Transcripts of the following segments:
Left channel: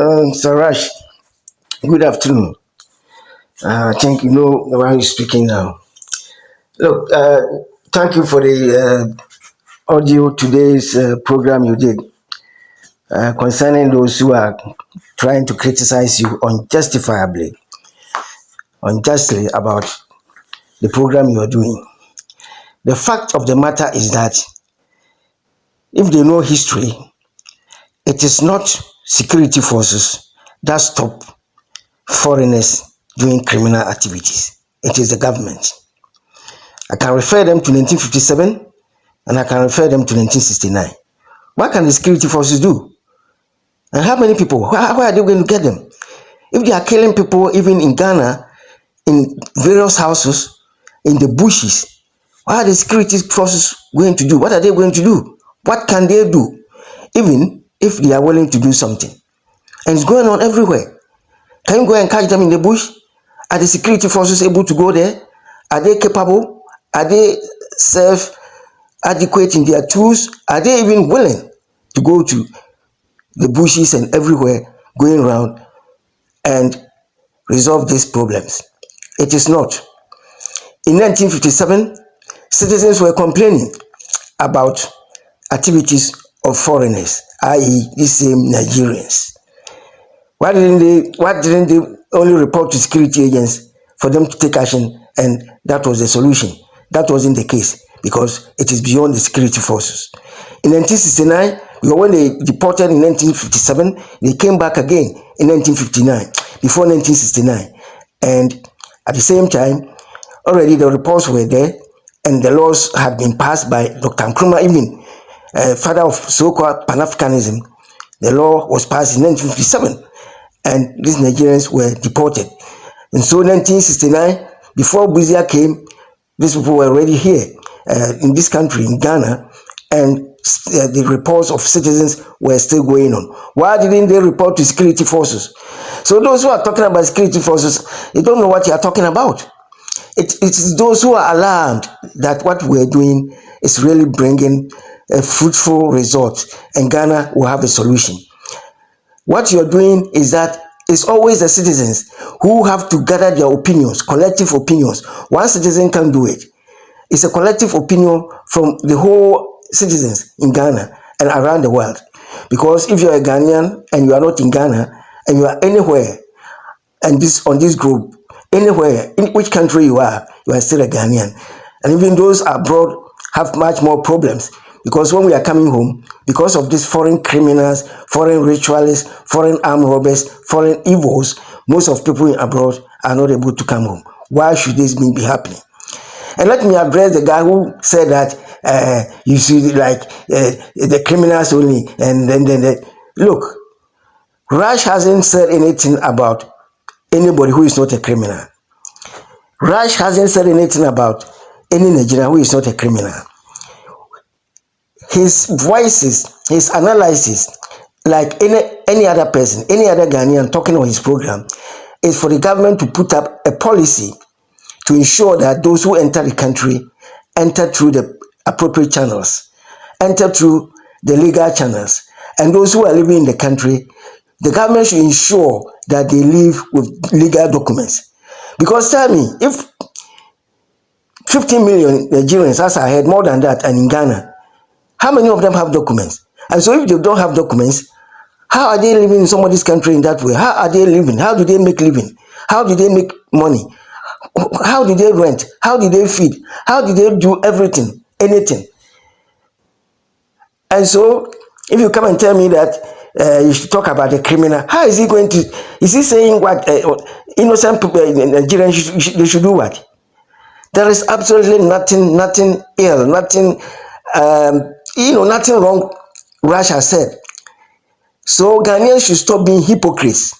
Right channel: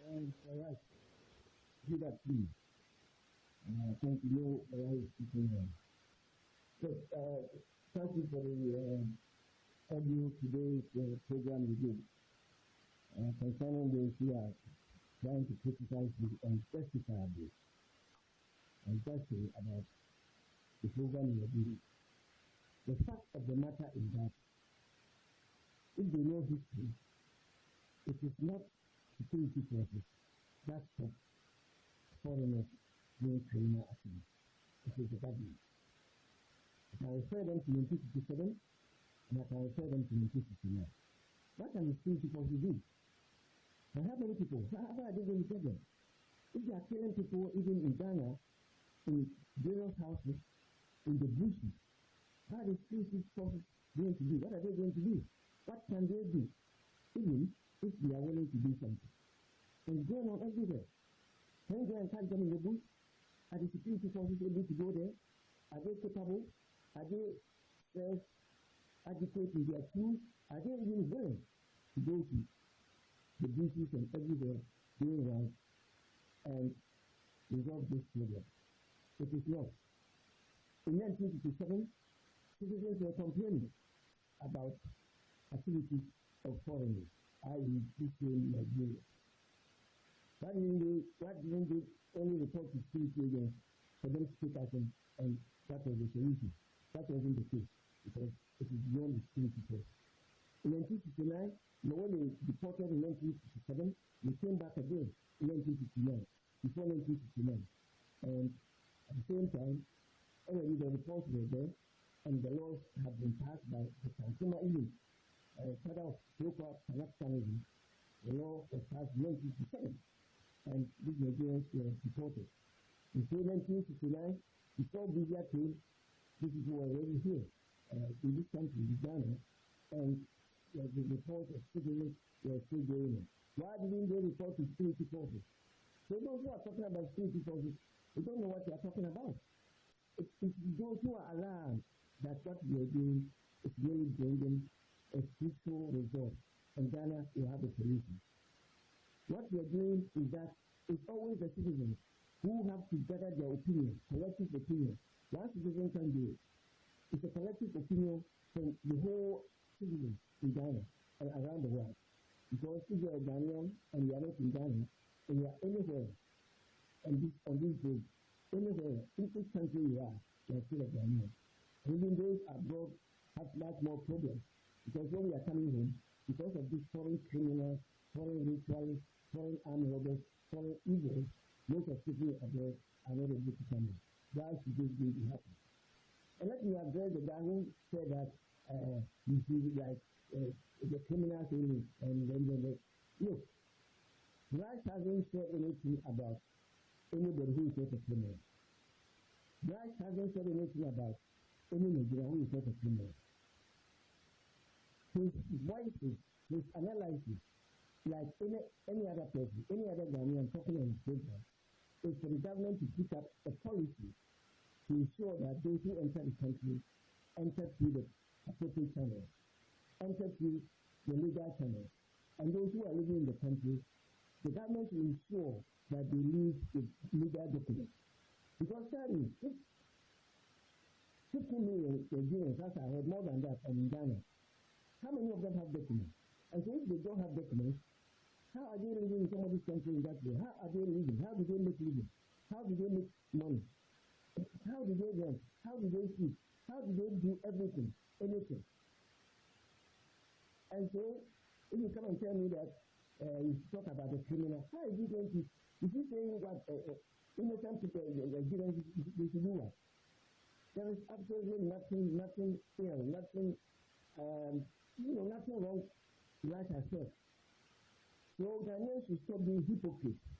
Sarash, good afternoon. I think you know why you're speaking now. Look, thank you for the audio today's program you did concerning those who are trying to criticize you unjustly about the program you are doing. The fact of the matter is that if they know history, it is not security forces that stop foreigners doing criminal activities. It is the government. I can refer them to 1957 and I can refer them to 1969. What can the security forces do? And how many people? Where are they going to get them? If they are killing people even in Ghana, in various houses, in the bushes, what are the security forces going to do? What are they going to do? What can they do? Even if they are willing to do something. And it's going on everywhere. Can you go and catch them in the bush? Are the security forces able to go there? Are they capable? Are they self-adequate in their tools? Are they even willing to go to the bushes and everywhere, going around and resolve these problems? It is not. In 1957, citizens were complaining about activities of foreigners, i.e., these same Nigerians. Why didn't they only report to security agents for them to take action, and that was the solution? That wasn't the case because it is beyond the security forces. In 1969, when they deported in 1957, they came back again in 1959, before 1969. And at the same time, already the reports were there and the laws had been passed by Dr. Nkrumah, even father of so-called Pan-Africanism. The law was passed in 1957 and these Nigerians were deported. And so 1969, before Buzia came, these people were already here in this country, in Ghana, and the reports of citizens were still going on. Why didn't they report to security forces? So those who are talking about security forces, they don't know what you are talking about. It is those who are alarmed that what we're doing is really bringing a fruitful result, and Ghana will have a solution. What you're doing is that it's always the citizens who have to gather their opinions, collective opinions. One citizen can do it. It's a collective opinion from the whole citizens in Ghana and around the world. Because if you're a Ghanaian and you are not in Ghana and you are anywhere and on this group, anywhere, in which country you are still a Ghanaian. And even those abroad have much more problems. Because when we are coming home, because of these foreign criminals, foreign ritualists, foreign armed robbers, foreign evils, most of people abroad are not able to come home. Why should this be happening? And let me address the guy who said that you see the criminals only. And then look, Raj hasn't said anything about anybody who is not a criminal. Raj hasn't said anything about any Nigerian who is not a criminal. His voices, his analysis, like any other person, any other Ghanaian talking on his program, is for the government to put up a policy to ensure that those who enter the country enter through the appropriate channels, enter through the legal channels, and those who are living in the country, the government should ensure that they live with legal documents. Because tell me, if 15 million Nigerians, as I heard, more than that, and in Ghana, how many of them have documents? And so if they don't have documents, how are they living in somebody's country in that way? How are they living? How do they make living? How do they make money? How do they rent? How do they feed? How do they do everything, anything? And so if you come and tell me that you should talk about the criminal, how is he going to, is he saying what innocent people in Nigeria they should do what? There is absolutely nothing ill, nothing nothing wrong, Russia said. So Ghanaians should stop being hypocrites.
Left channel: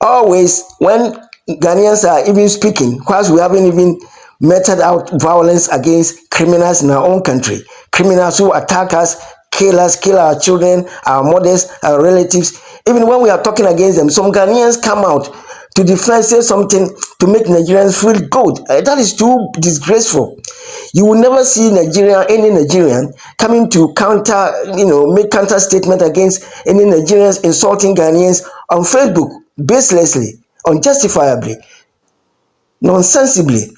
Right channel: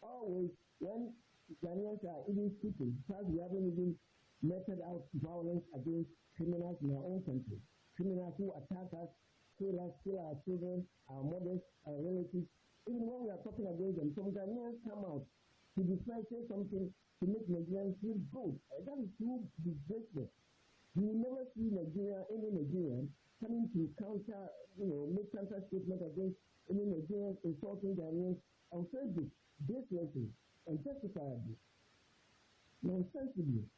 Always, when Ghanaians are even speaking, whilst we haven't even meted out violence against criminals in our own country, criminals who attack us, kill our children, our mothers, our relatives, even when we are talking against them, some Ghanaians come out to defend, say something to make Nigerians feel good. That is too disgraceful. You will never see any Nigerian coming to counter, make counter statement against any Nigerians insulting Ghanaians on Facebook, baselessly, unjustifiably, nonsensibly.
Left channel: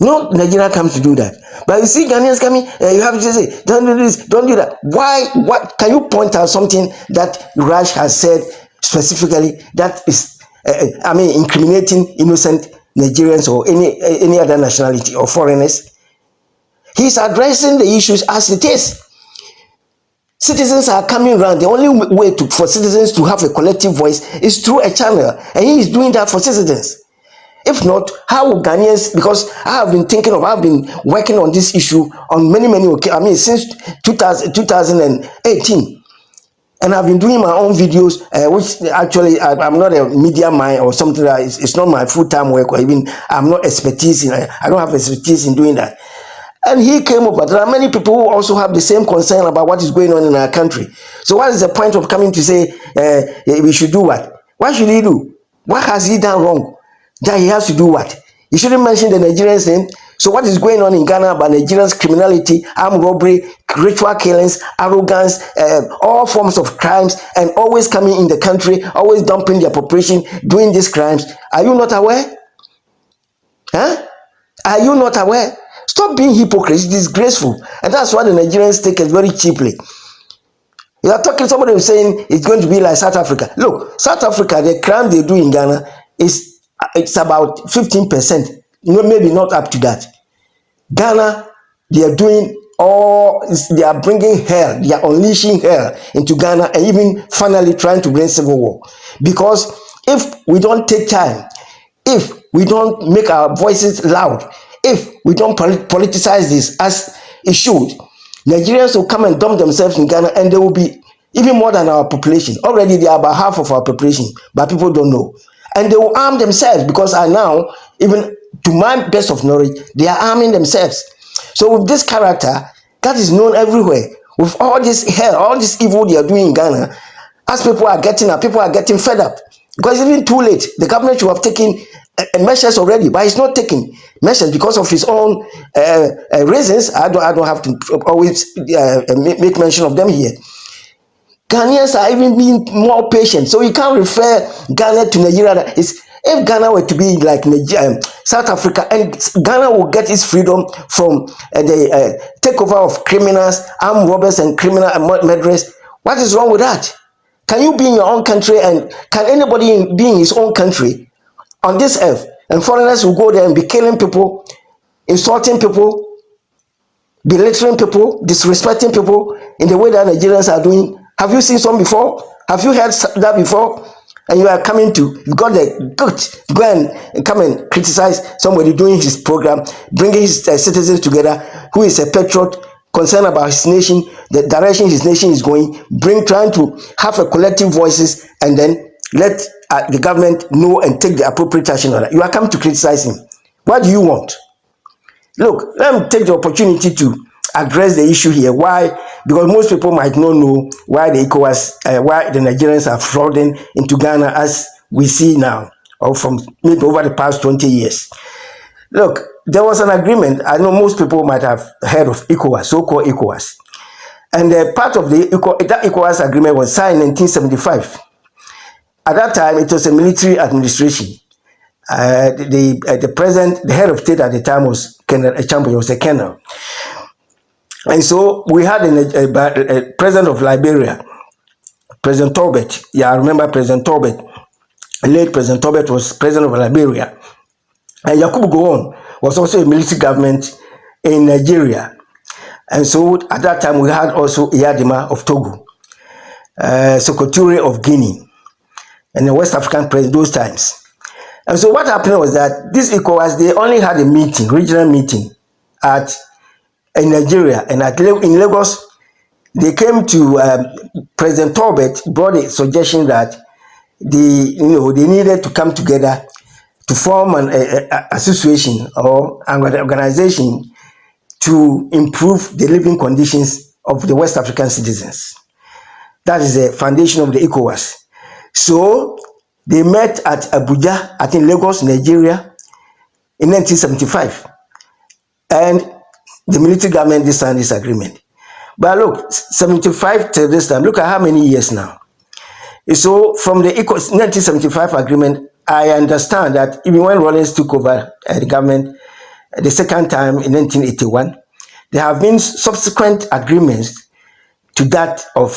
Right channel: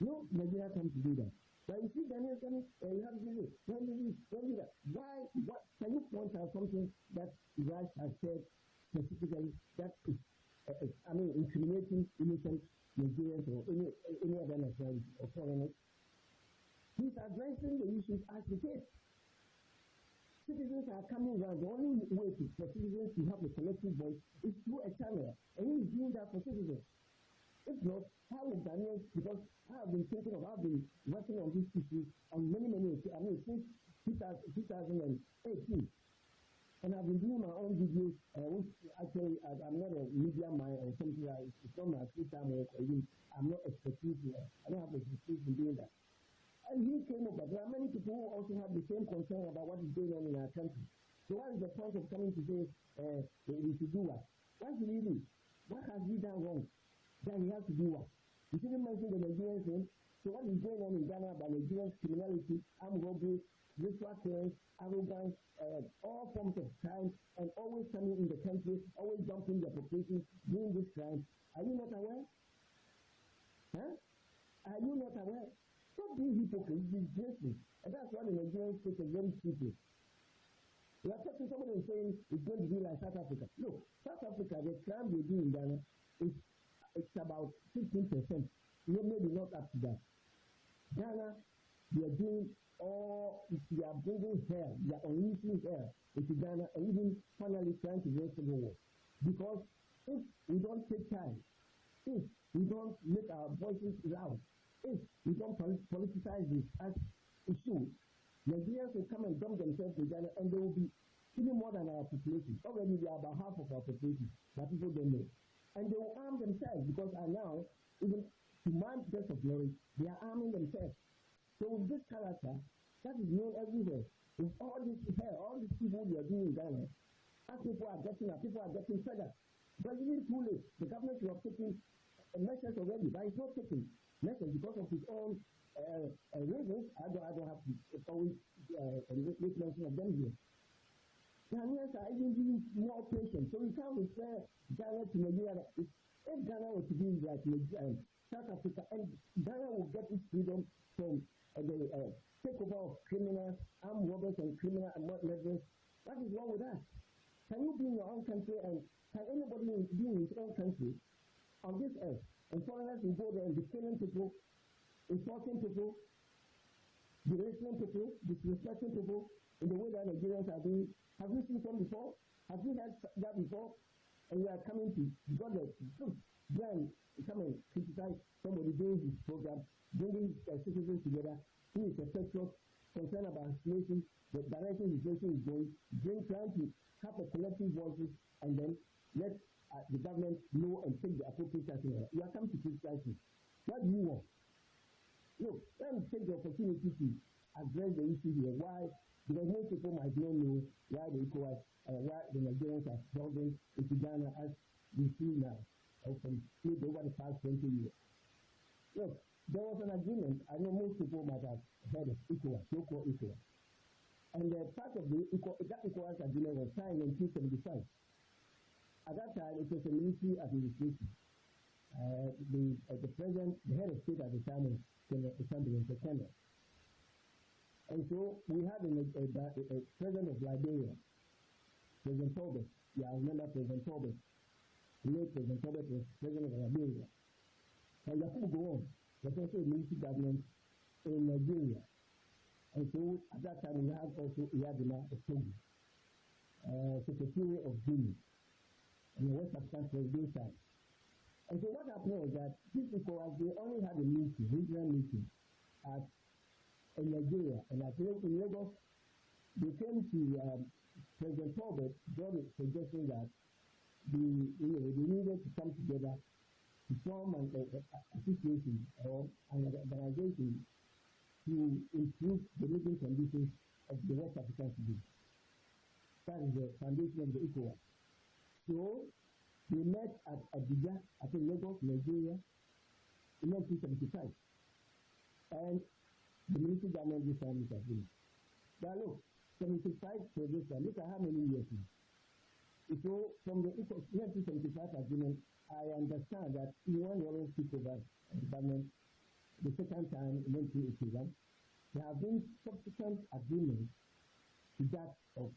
No Nigerian comes to do that. But you see Ghanaians coming, you have to say, don't do this, don't do that. Why? What? Can you point out something that Raj has said specifically that is, incriminating innocent Nigerians or any other nationality or foreigners? He's addressing the issues as it is. Citizens are coming around. The only way for citizens to have a collective voice is through a channel, and he is doing that for citizens. If not, how will Ghanaians, because I've been working on this issue on many occasions, since 2018. And I've been doing my own videos, which actually I'm not a media mind or something like that. It's not my full-time work, or even I'm not expertise in I don't have expertise in doing that. And he came over. There are many people who also have the same concern about what is going on in our country. So what is the point of coming to say we should do what? What should he do? What has he done wrong that he has to do what? He shouldn't mention the Nigerians name. So what is going on in Ghana about Nigerians' criminality, armed robbery, ritual killings, arrogance, all forms of crimes, and always coming in the country, always dumping their population, doing these crimes? Are you not aware? Huh? Are you not aware? Stop being hypocrites. It's disgraceful. And that's why the Nigerians take it very cheaply. You are talking, somebody was saying it's going to be like South Africa. Look, South Africa, the crime they do in Ghana it's about 15%. Maybe not up to that. Ghana, they are bringing hell, they are unleashing hell into Ghana, and even finally trying to bring civil war. Because if we don't take time, if we don't make our voices loud, if we don't politicize this as it should, Nigerians will come and dump themselves in Ghana, and they will be even more than our population. Already they are about half of our population, but people don't know. And they will arm themselves, because now, even to my best of knowledge, they are arming themselves. So with this character that is known everywhere, with all this hell, all this evil they are doing in Ghana, as people are getting fed up. Because it's even too late. The government should have taken measures already, but it's not taking measures because of his own reasons. I don't have to always make mention of them here. Ghanaians are even being more patient, so you can't refer Ghana to Nigeria. If Ghana were to be like South Africa, and Ghana will get its freedom from the takeover of criminals, armed robbers, and criminal murderers, what is wrong with that? Can you be in your own country, and can anybody be in his own country on this earth, and foreigners will go there and be killing people, insulting people, belittling people, disrespecting people in the way that Nigerians are doing? Have you seen some before? Have you heard that before? And you are coming to, you got the guts to go and come and criticize somebody doing his program, bringing his citizens together, who is a patriot, concerned about his nation, the direction his nation is going, trying to have a collective voices, and then let the government know and take the appropriate action on that. You are coming to criticize him. What do you want? Look, let me take the opportunity to address the issue here. Why? Because most people might not know why the ECOWAS, why the Nigerians are flooding into Ghana as we see now, or from maybe over the past 20 years. Look, there was an agreement. I know most people might have heard of ECOWAS, so-called ECOWAS. And part of that ECOWAS agreement was signed in 1975. At that time, it was a military administration. The president, the head of state at the time was Colonel Echambo, was a colonel. And so we had a president of Liberia, President Tobet. Yeah, I remember President Tobet. Late President Tobet was president of Liberia. And Yakubu Gowon was also a military government in Nigeria. And so at that time we had also Iyadima of Togo, Sokoture of Guinea, and the West African president those times. And so what happened was that this ECOWAS, they only had a meeting, regional meeting in Nigeria, and in Lagos, they came to President Tobet brought a suggestion that they needed to come together to form an association or an organization to improve the living conditions of the West African citizens. That is the foundation of the ECOWAS. So They met at Abuja, I think Lagos, Nigeria, in 1975. And the military government signed this agreement. But look, 75 to this time, look at how many years now. So from the 1975 agreement, I understand that even when Rawlings took over the government the second time in 1981, there have been subsequent agreements to that of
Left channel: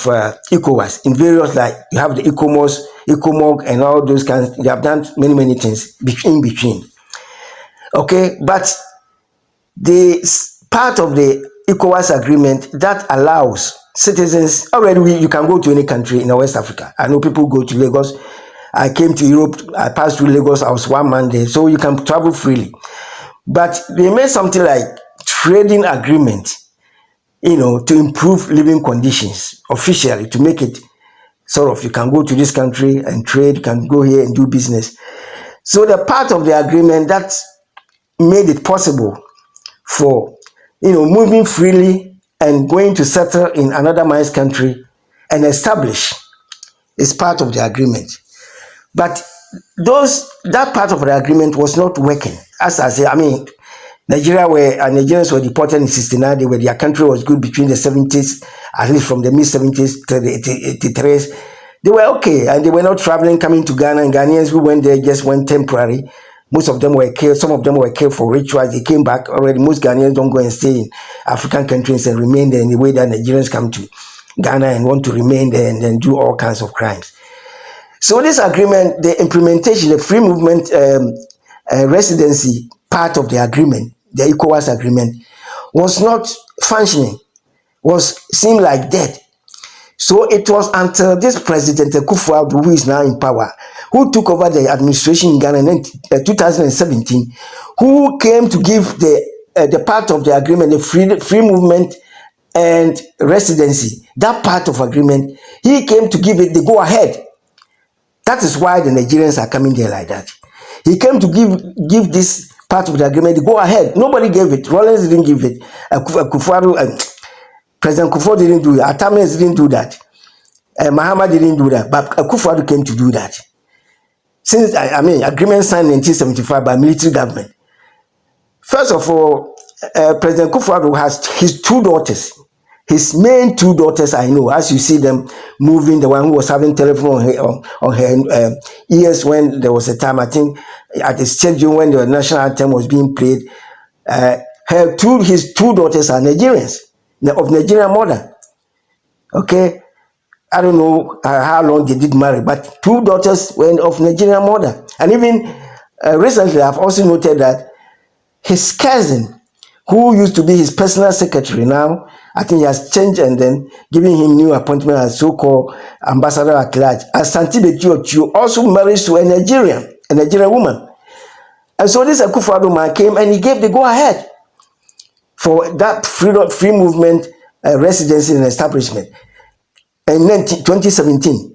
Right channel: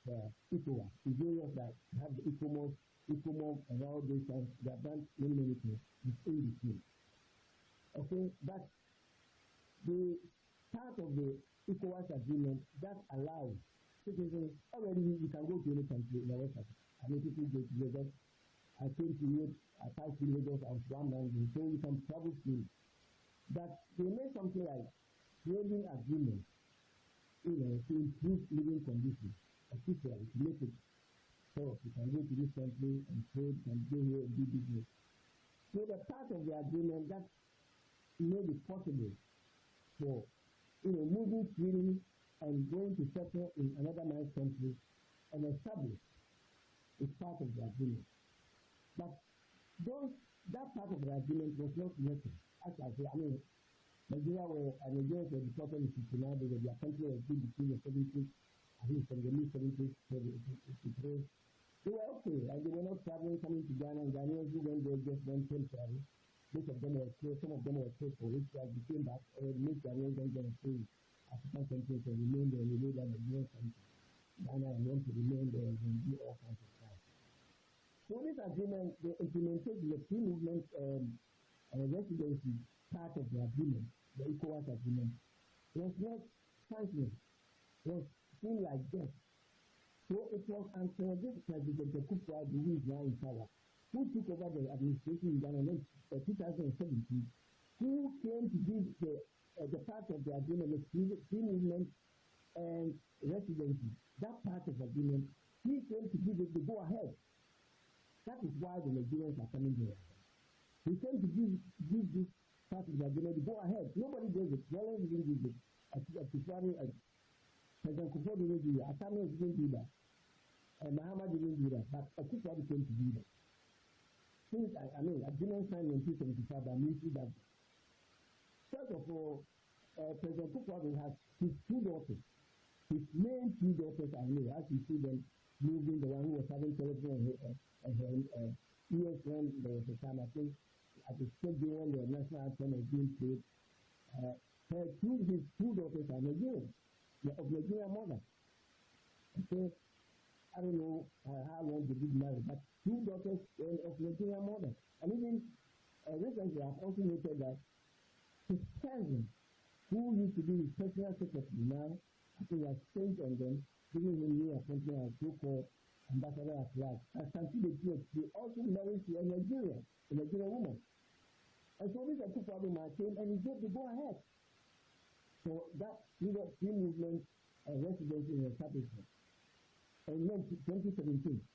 ECOWAS in various, like you have the ECOWAS, ECOMOG, and all those kinds. They have done many things in between. Okay, but the part of the ECOWAS agreement that allows citizens, already you can go to any country in West Africa. I know people go to Lagos. I came to Europe, I passed through Lagos, I was 1 month there, so you can travel freely. But they made something like trading agreement, to improve living conditions officially, to make it sort of, you can go to this country and trade, you can go here and do business. So the part of the agreement that made it possible for, moving freely and going to settle in another man's country and establish is part of the agreement. But that part of the agreement was not working. As I say, Nigerians were deported in 1969. Their country was good between the 70s, at least from the mid-70s to the 83s. They were okay, and they were not traveling, coming to Ghana. And Ghanaians who went there just went temporary. Most of them were killed. Some of them were killed for rituals. They came back already. Most Ghanaians don't go and stay in African countries and remain there in the way that Nigerians come to Ghana and want to remain there and then do all kinds of crimes. So this agreement, the implementation, the free movement residency part of the agreement, the ECOWAS agreement, was not functioning, seemed like dead. So it was until this President Akufo-Addo, who is now in power, who took over the administration in Ghana in 2017, who came to give the part of the agreement, the free movement and residency, that part of agreement, he came to give it the go-ahead. That is why the Nigerians are coming there like that. He came to give this part of the agreement the go-ahead. Nobody gave it. Rawlings didn't give it. President Akufo didn't do it. Atames didn't do that. Mahama didn't do that. But Akufo came to do that. Since, agreement signed in 1975 by military government. First of all, President Akufo has his 2 daughters. His main 2 daughters, I know, as you see them moving, the one who was having telephone on her ears when there was a time, I think, at the stadium when the national anthem was being played. His 2 daughters are Nigerians, of Nigerian mother. Okay? I don't know how long they did marry, but 2 daughters were of Nigerian mother. And even recently, I've also noted that his cousin, who used to be his personal secretary now, I think he has changed and then giving him new appointment as so-called ambassador at large. Asante Betio also marries to a Nigerian woman. And so this Akufo-Addo man came and he gave the go-ahead for that free movement residency and establishment. And then 2017,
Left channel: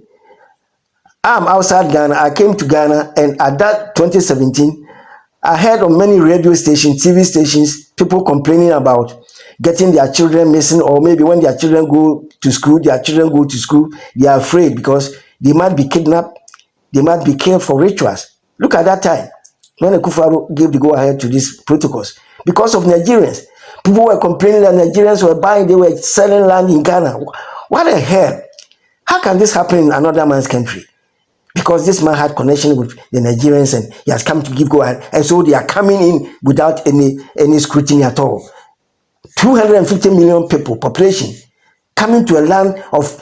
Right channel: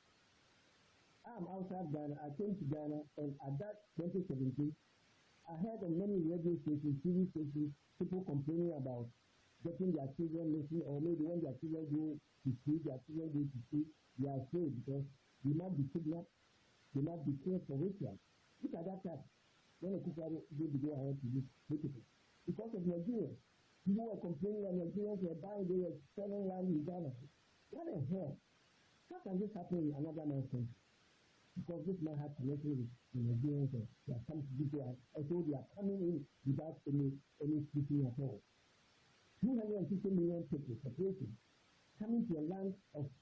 I'm outside Ghana. I came to Ghana, and at that 2017, I heard on many radio stations, TV stations, people complaining about getting their children missing, or maybe when their children go to school, they are afraid because they might be kidnapped, they might be killed for rituals. Look at that time when Akufo-Addo gave the go-ahead to these protocols. Because of Nigerians, people were complaining that Nigerians were buying, they were selling land in Ghana. What the hell? How can this happen in another man's country? Because this man had connection with the Nigerians and he has come to give go-ahead. And so they are coming in without any scrutiny at all. 250 million people, population, coming to a land of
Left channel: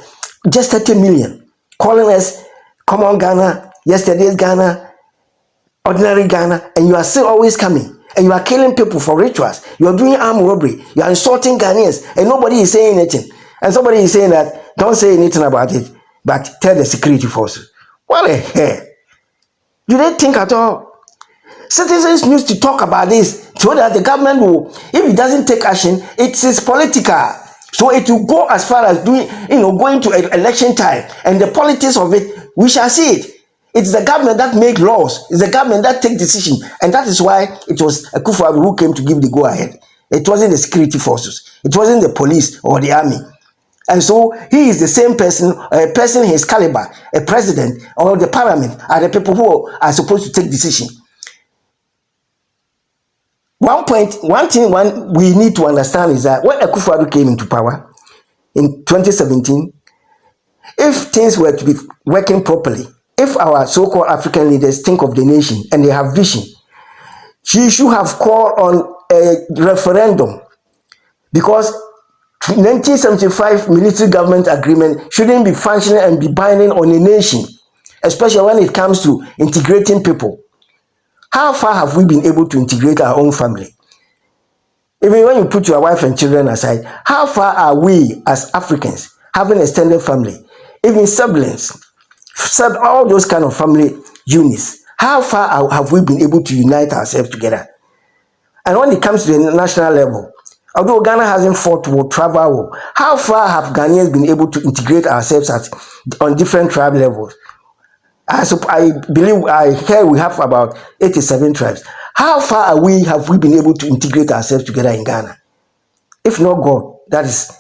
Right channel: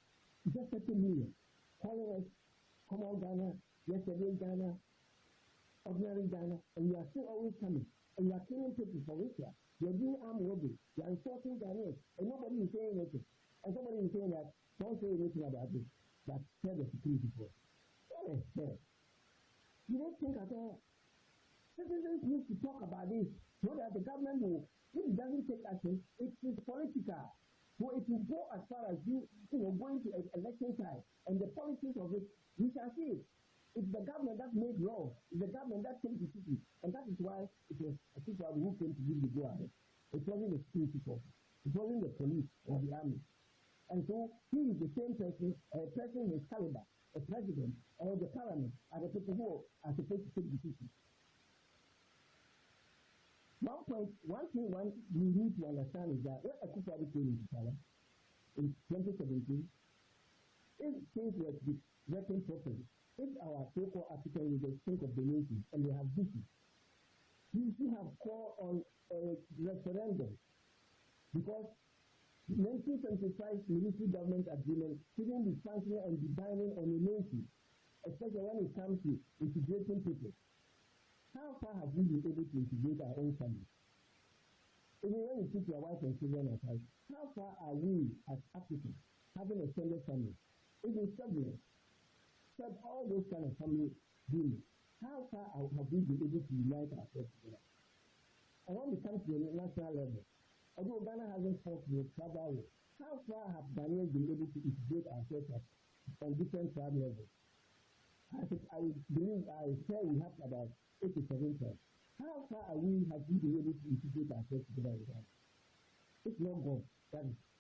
just 30 million, calling us common Ghana, yesterday's Ghana, ordinary Ghana, and you are still always coming. And you are killing people for rituals. You are doing armed robbery. You are insulting Ghanaians, and nobody is saying anything. And somebody is saying that, don't say anything about it, but tell the security forces. What the hell? Do they think at all? Citizens need to talk about this so that the government will, if it doesn't take action, it is political. So it will go as far as going to election time, and the politics of it, we shall see it. It's the government that make laws. It's the government that take decisions. And that is why it was Akufo-Addo who came to give the go-ahead. It wasn't the security forces. It wasn't the police or the army. And so he is the same person, a person his caliber, a president or the parliament are the people who are supposed to take decision. One thing we need to understand is that when Akufo-Addo came into power in 2017, if things were to be working properly, if our so-called African leaders think of the nation and they have vision, she should have called on a referendum, because 1975 military government agreement shouldn't be functioning and be binding on a nation, especially when it comes to integrating people. How far have we been able to integrate our own family? Even when you put your wife and children aside, how far are we as Africans having extended family, even siblings, all those kind of family units? How far have we been able to unite ourselves together? And when it comes to the national level, although Ghana hasn't fought war, travel war, how far have Ghanaians been able to integrate ourselves on different tribe levels? I believe I hear we have about 87 tribes. How far have we been able to integrate ourselves together in Ghana? If not God, that is,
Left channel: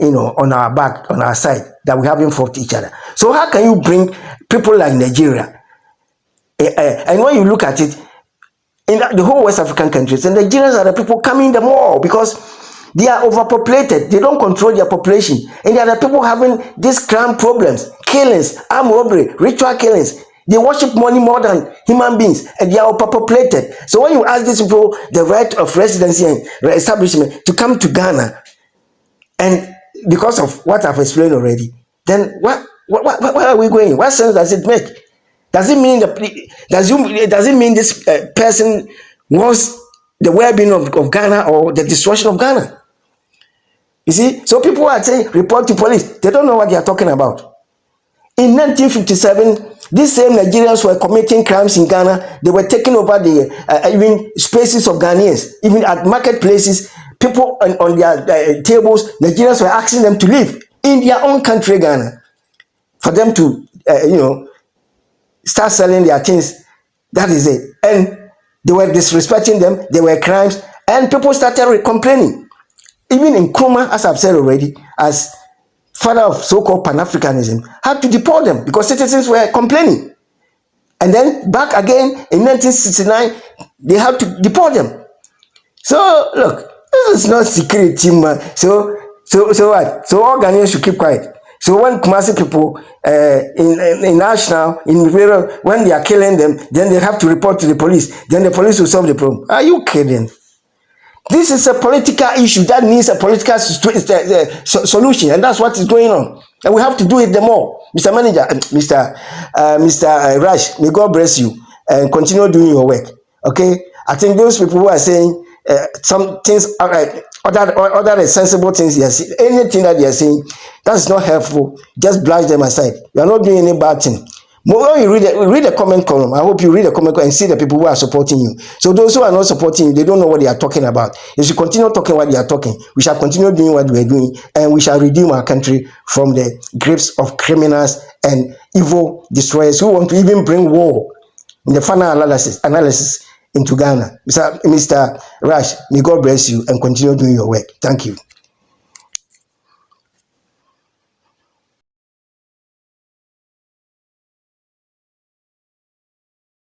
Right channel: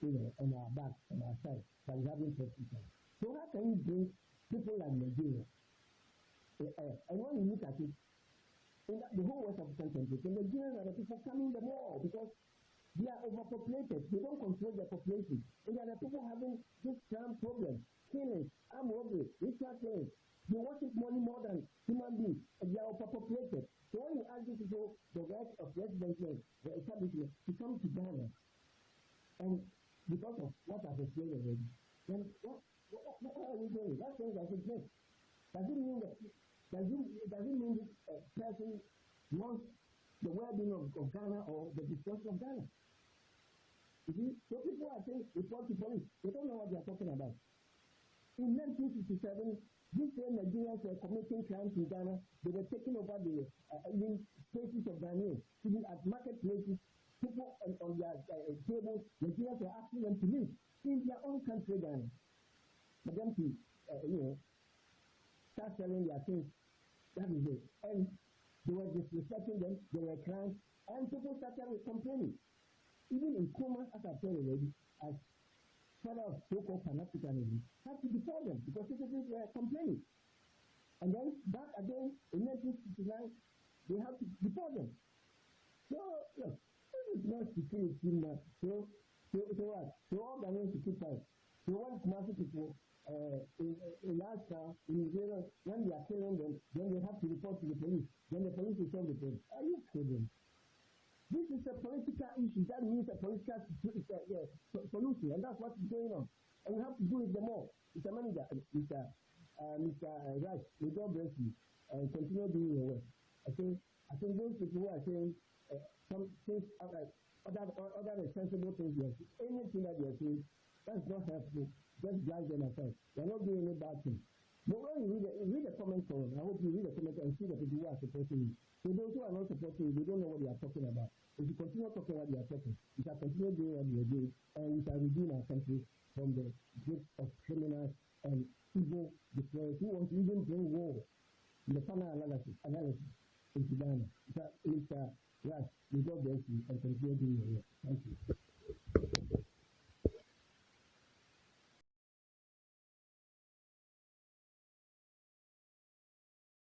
on our back, on our side, that we haven't fought each other. So how can you bring people like Nigeria? And when you look at it, in the whole West African countries, the Nigerians are the people coming the more because they are overpopulated. They don't control their population. And they are the people having these crime problems, killings, armed robbery, ritual killings. They worship money more than human beings, and they are overpopulated. So when you ask these people the right of residency and establishment to come to Ghana, and because of what I've explained already, then where are we going? What sense does it make? Does it mean this person wants the well-being of Ghana or the destruction of Ghana? You see, so people are saying report to police. They don't know what they are talking about. In 1957, these same Nigerians were committing crimes in Ghana. They were taking over the even spaces of Ghanaians, even at marketplaces. People on their tables, Nigerians were asking them to leave in their own country, Ghana, for them to, start selling their things. That is it. And they were disrespecting them. There were crimes, and people started complaining. Even in Nkrumah, as I've said already, as father of so-called Pan-Africanism, had to deport them because citizens were complaining. And then back again in 1969, they had to deport them. So look, this is not security, man. So what? So all Ghanaians should keep quiet. So when Kumasi people in National, in Rivera, when they are killing them, then they have to report to the police. Then the police will solve the problem. Are you kidding? This is a political issue that needs a political solution, and that's what is going on. And we have to do it the more. Mr. Manager, Mr. Rash, may God bless you and continue doing your work. Okay? I think those people who are saying some things, other sensible things they are saying, anything that they are saying, that's not helpful. Just brush them aside. You are not doing any bad thing. When you read the comment column, I hope you read the comment column and see the people who are supporting you. So those who are not supporting you, they don't know what they are talking about. If you continue talking what they are talking, we shall continue doing what we are doing, and we shall redeem our country from the grips of criminals and evil destroyers who want to even bring war in the final analysis into Ghana. Mr. Rash, may God bless you and continue doing your work. Thank you.